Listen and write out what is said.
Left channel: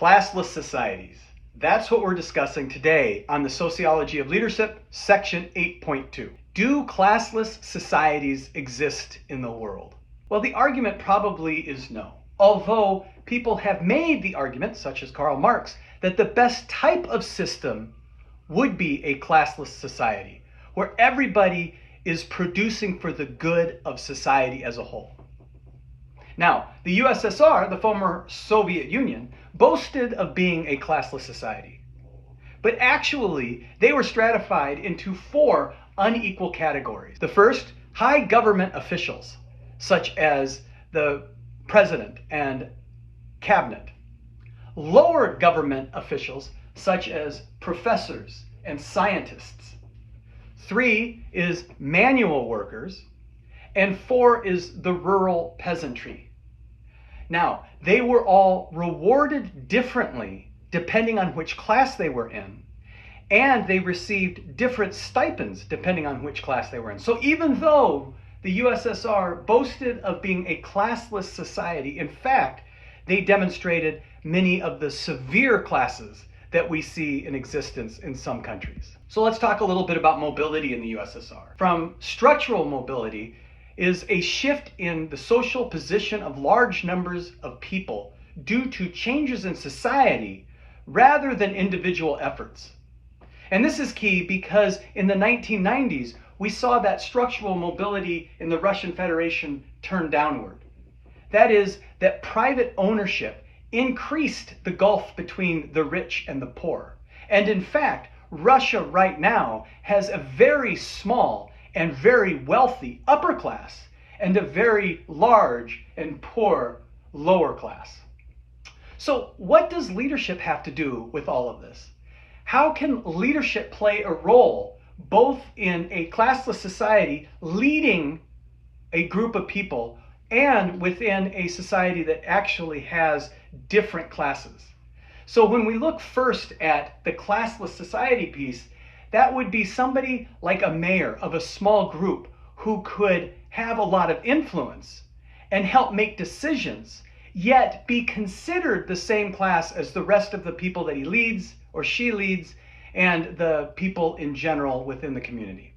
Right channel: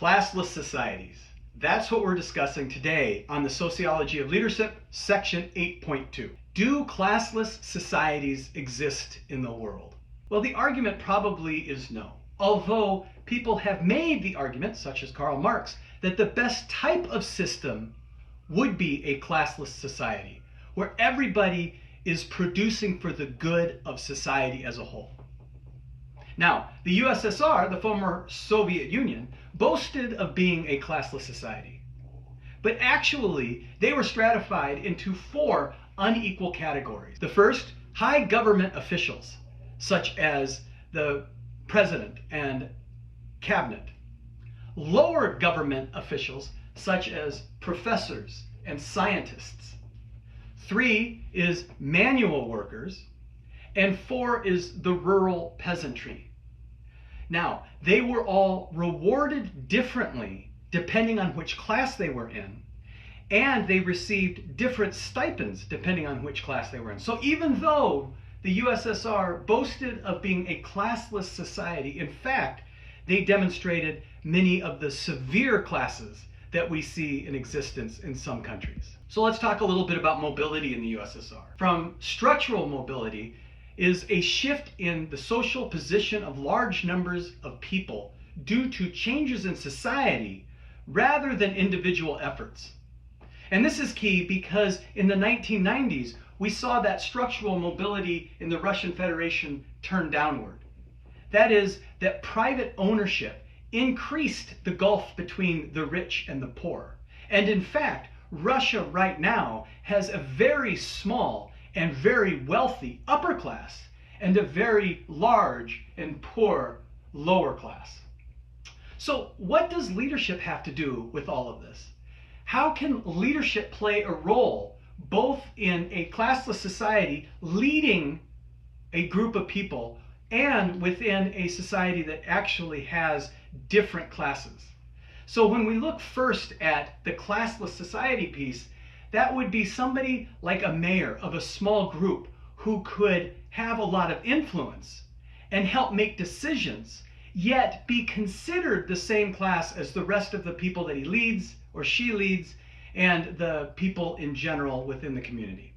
Classless societies. That's what we're discussing today on the Sociology of Leadership, Section 8.2. Do classless societies exist in the world? Well, the argument probably is no. Although people have made the argument, such as Karl Marx, that the best type of system would be a classless society, where everybody is producing for the good of society as a whole. Now, the USSR, the former Soviet Union, boasted of being a classless society. But actually, they were stratified into 4 unequal categories. The first, high government officials, such as the president and cabinet. Lower government officials, such as professors and scientists. 3 is manual workers. And 4 is the rural peasantry. Now, they were all rewarded differently depending on which class they were in, and they received different stipends depending on which class they were in. So even though the USSR boasted of being a classless society, in fact, they demonstrated many of the severe classes that we see in existence in some countries. So let's talk a little bit about mobility in the USSR. From structural mobility is a shift in the social position of large numbers of people due to changes in society rather than individual efforts. And this is key because in the 1990s, we saw that structural mobility in the Russian Federation turn downward. That is, that private ownership increased the gulf between the rich and the poor. And in fact, Russia right now has a very small and very wealthy upper class and a very large and poor lower class. So what does leadership have to do with all of this? How can leadership play a role both in a classless society leading a group of people and within a society that actually has different classes? So when we look first at the classless society piece, that would be somebody like a mayor of a small group who could have a lot of influence and help make decisions, yet be considered the same class as the rest of the people that he leads or she leads and the people in general within the community.